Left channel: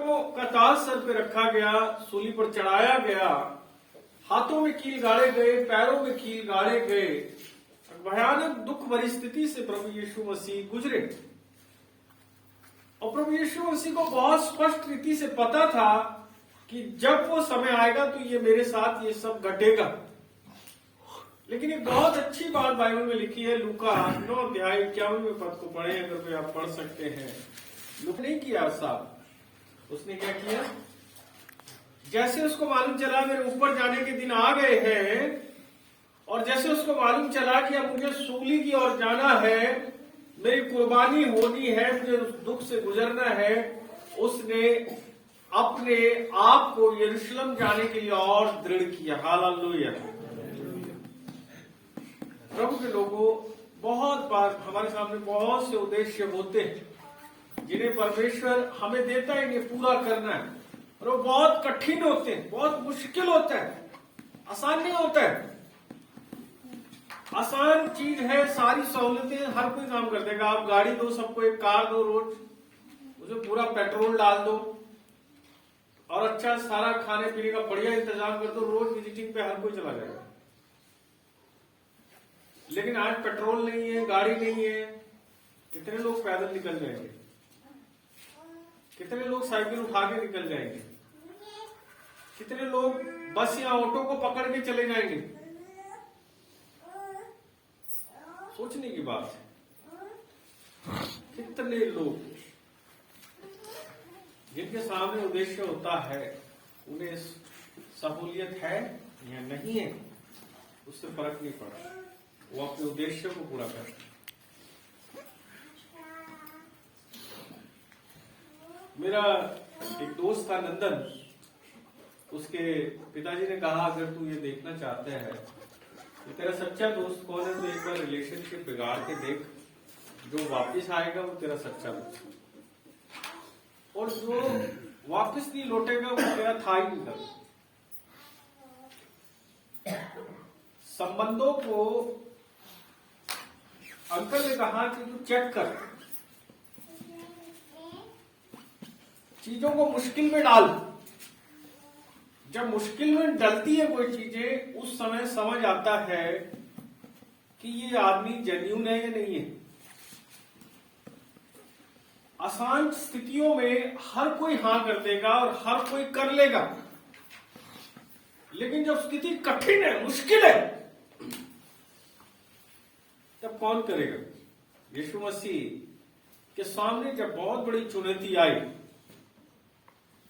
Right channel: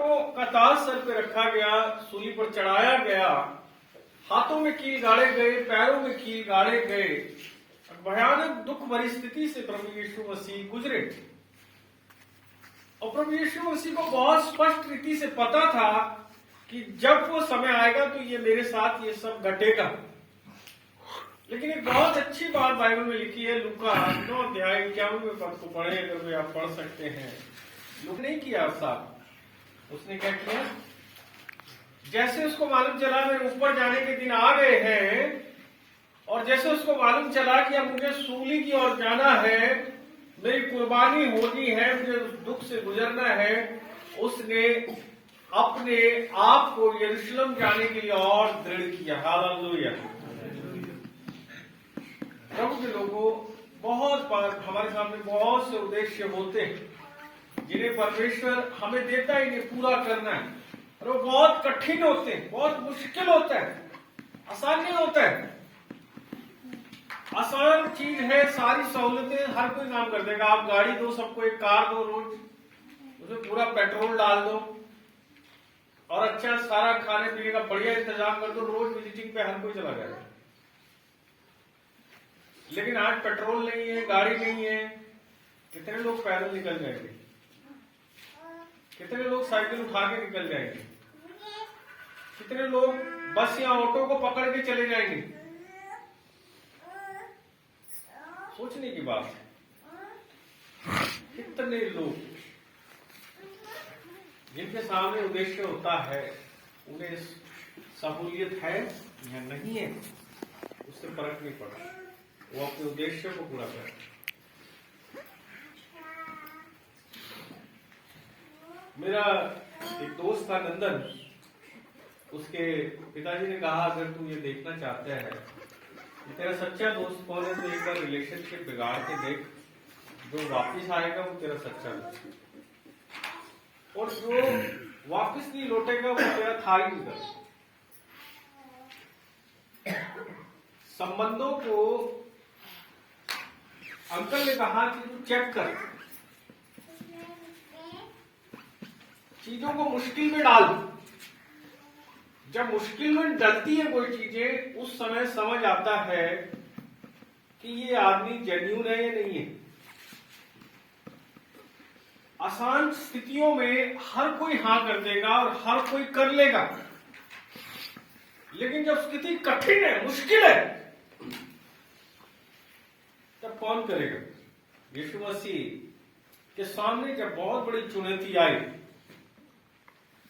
का ताज सर पे रखा गया, सूली पर चढ़ाया गया, हाथों में कील गाड़े गए, पैरों में कील गाड़े गए और भयानक दुख भरी स्थिति से प्रभु यीशु मसीह गुजरे। और प्रभु यीशु मसीह को बहुत स्पष्ट रीति से पता था कि जब वो समय आएगा तो ये मेरे साथ ये सब घटेगा। लेकिन एक बहुत अच्छी बात बाइबल में लिखी है, लूका 9 अध्याय 51वें पद को पढ़े, अगर वे आप पढ़ सकते हैं। लूका नहीं किया साहब, उसने क्या किया, जैसे उसको मालूम चला मेरे ऊपर जाने के दिन आ गए हैं और जैसे उसको मालूम चला कि अब मुझे सूली की ओर जाना है, मेरी कुर्बानी होनी है, मुझे उस दुख से गुजरना है, उसने अपने आप को यरूशलेम जाने के लिए और दृढ़ किया। हालेलुया। प्रभु के लोगों, बहुत बार हमारे सामने बहुत से उद्देश्य होते हैं जिन्हें परमेश्वर हमें देता है, इन्हें पूरा करना है, और वो बहुत कठिन होते हैं, बहुत मुश्किल होता है, आसान नहीं होता है। आसान चीज है, सारी सहूलतें हर कोई काम कर देगा। आप गाड़ी दो सबको, एक कार दो, रोज उसमें पूरा पेट्रोल डाल दो और अच्छा सारा खाने पीने का बढ़िया इंतजाम कर दो, रोज विजिटिंग पे हर कोई चला जाएगा। लेकिन आज पेट्रोल नहीं है, गाड़ी नहीं है, कितने लोग पैदल निकल जाएंगे, कितने लोग साइकिल उठा के निकल जाएंगे, कितने लोग बस या ऑटो को पकड़ के चले जाएंगे। सोचने की बात है, कितने लोग जिनके सामने उद्देश्य होता है, उन्हें सहूलियत है या नहीं है उससे फर्क नहीं पड़ता, वो अपने उद्देश्य को पूरा करते। मेरा एक दोस्त था नंदन, उसके पिताजी ने कहा अगर तू ये देखना चाहता है कि तेरा सच्चा दोस्त कौन है, तो एक बार रिलेशनशिप बिगाड़ के देख, जो वापस आएगा वो तेरा सच्चा दोस्त है, और जो वापस नहीं लौटेगा वो तेरा था ही नहीं। संबंधों को अंकल ने कहा कि तू चेक कर, चीजों को मुश्किल में डाल। जब मुश्किल में डलती है कोई चीजें, उस समय समझ आता है कि ये आदमी जेन्युइन है या नहीं है। आसान स्थितियों में हर कोई हां कर देगा और हर कोई कर लेगा, लेकिन जब स्थिति कठिन है, मुश्किल है, तब कौन करेगा? यीशु मसीह के सामने जब बहुत बड़ी चुनौती आई,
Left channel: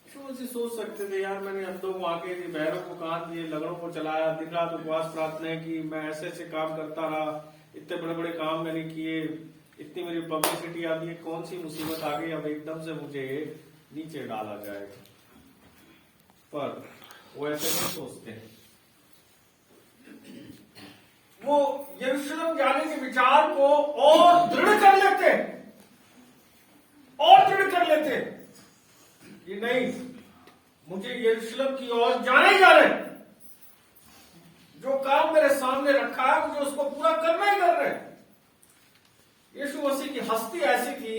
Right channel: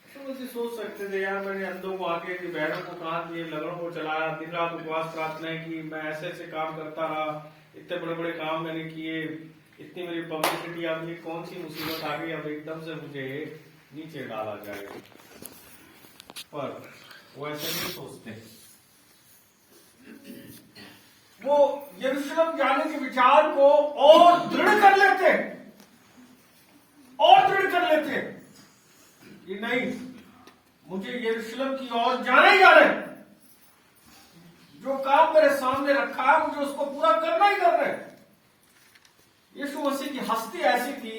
यीशु मसीह सोच सकते थे यार मैंने अंधों को आके, बहरों को कान दिए, लगड़ों को चलाया, दिन रात उपवास प्रार्थना की, मैं ऐसे ऐसे काम करता रहा, इतने बड़े बड़े काम मैंने किए, इतनी मेरी पब्लिसिटी आ गई, कौन सी मुसीबत आ गई, अब एकदम से मुझे नीचे डाला जाएगा। पर वो ऐसे नहीं सोचते। वो यरूशलेम जाने के विचार को और दृढ़ कर लेते हैं, और दृढ़ कर लेते हैं कि नहीं, मुझे यरूशलेम की ओर जाना ही जाना है। जो काम मेरे सामने रखा है, मुझे उसको पूरा करना ही करना है। यीशु मसीह की हस्ती ऐसी थी,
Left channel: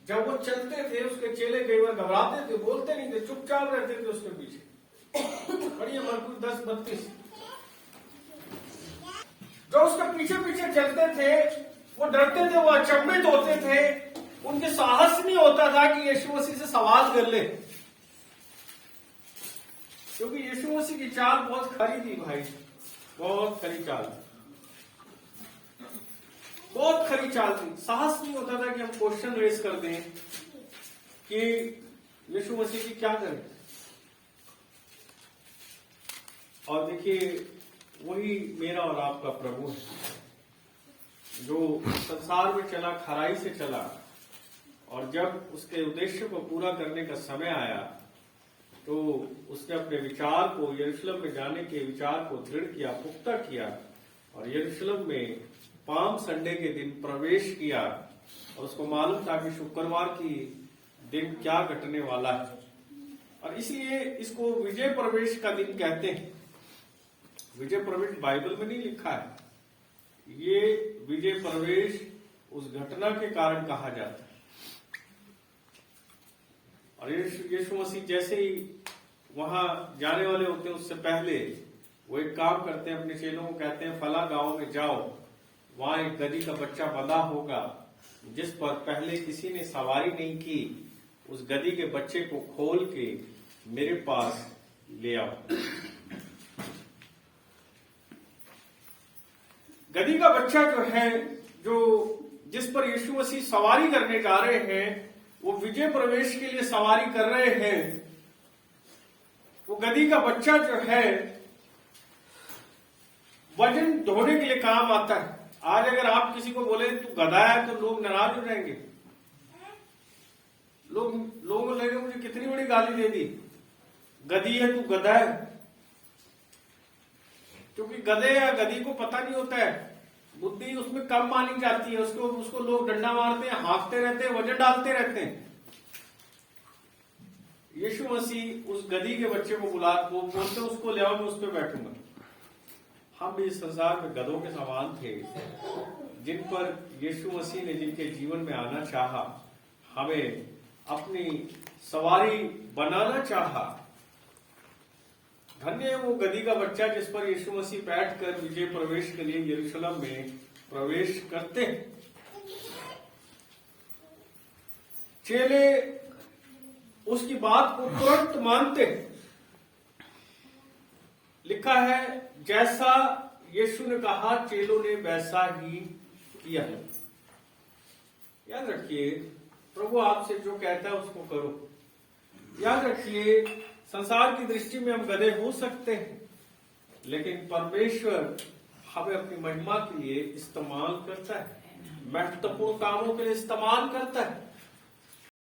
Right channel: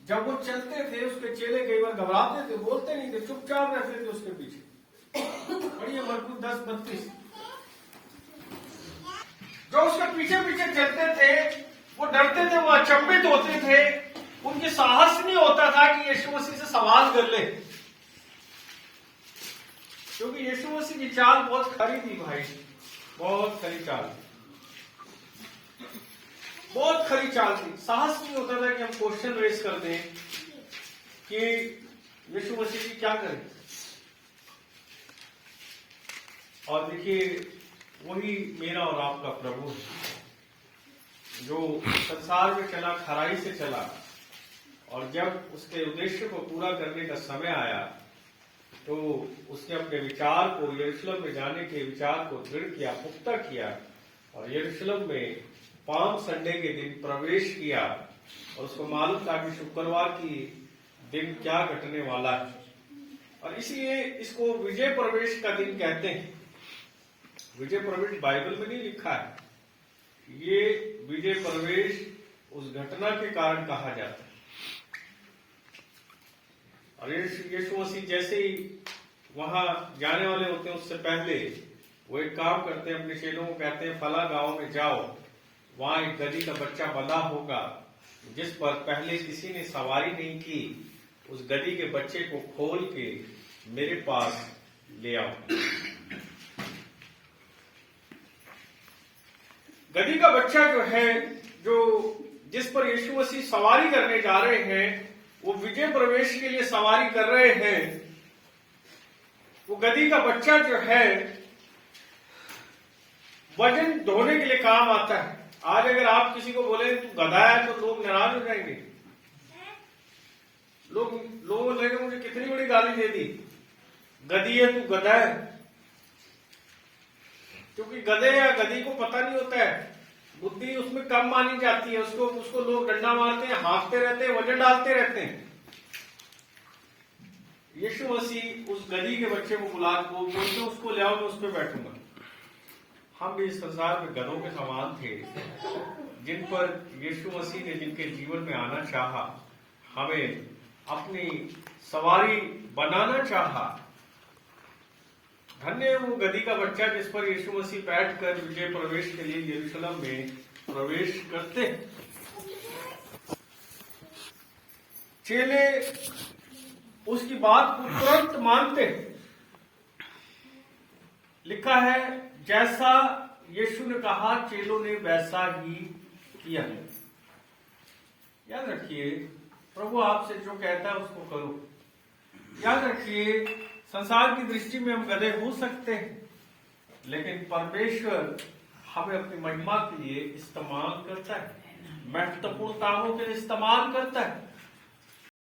जब वो चलते थे उसके चेले कई बार घबराते थे, बोलते नहीं थे, चुपचाप रहते थे उसके पीछे। पढ़िए मरकुस 10:32। जो उसके पीछे पीछे चलते थे वो डरते थे, वो अचंभित होते थे, उनके साहस नहीं होता था कि यीशु मसीह से सवाल कर ले, क्योंकि यीशु मसीह की चाल बहुत खरी थी भाई, बहुत खरी चाल, बहुत खरी चाल थी। साहस नहीं होता था कि हम क्वेश्चन रेस कर दें कि यीशु मसीह जी क्या करें। और देखिए, वही मेरा और आपका प्रभु है, जो संसार में चला, खराई से चला, और जब उसके उद्देश्य को पूरा करने का समय आया तो उसने अपने विचार को, यरूशलेम में जाने के विचार को दृढ़ किया, पुख्ता किया, और यरूशलेम में पाम संडे के दिन प्रवेश किया। और उसको मालूम था कि शुक्रवार की दिन क्या घटने वाला है, और इसलिए इसको विजय प्रवेश का दिन कहते हैं। विजय प्रवेश बाइबल में नहीं लिखा है, ये विजय प्रवेश उस घटना के कारण कहा जाता है। और यीशु मसीह जैसे ही वहां जाने वाले होते हैं उससे पहले वो एक काम करते हैं, अपने चेलों को कहते हैं फला गांव में जाओ, वहां एक गधी का बच्चा बंधा होगा जिस पर पहले किसी ने सवारी नहीं की, उस गधी के बच्चे को खोल के मेरे पास ले आओ। गधी का बच्चा जो है, जो जिस पर यीशु मसीह सवारी करने जा रहे हैं, वो विजय प्रवेश के लिए सवारी कर रहे हैं। वो गधी का बच्चा जो है वजन ढोने के लिए काम आता है। आज अगर आप किसी को बोले तू गधा है तो लोग नाराज हो जाएंगे। लोगों को लगेगा मुझे कितनी बड़ी गाली दे दी, गधी है तू गधा है। क्योंकि गधे या गधी को पता नहीं होता है, बुद्धि उसमें कम मानी जाती है। उसको लोग डंडा मारते हैं, हाँकते रहते हैं, वजन डालते रहते हैं। यीशु मसीह उस गधी के बच्चे को बोलते उसको ले आओ, मैं उस पर बैठूंगा। हम भी इस संसार में गधों के समान थे, जिन पर यीशु मसीह ने जिनके जीवन में आना चाहा, हमें अपनी सवारी बनाना चाहा। धन्य है वो गधी का बच्चा जिस पर यीशु मसीह बैठकर विजय प्रवेश के लिए यरूशलेम में प्रवेश करते हैं। चेले उसकी बात को तुरंत मानते हैं। लिखा है जैसा यीशु ने कहा चेलों ने वैसा ही किया। याद रखिए, प्रभु आपसे जो कहता है उसको करो। याद रखिए, संसार की दृष्टि में हम गधे हो सकते हैं, लेकिन परमेश्वर हमें अपनी महिमा के लिए इस्तेमाल करता है, महत्वपूर्ण कामों के लिए इस्तेमाल करता है।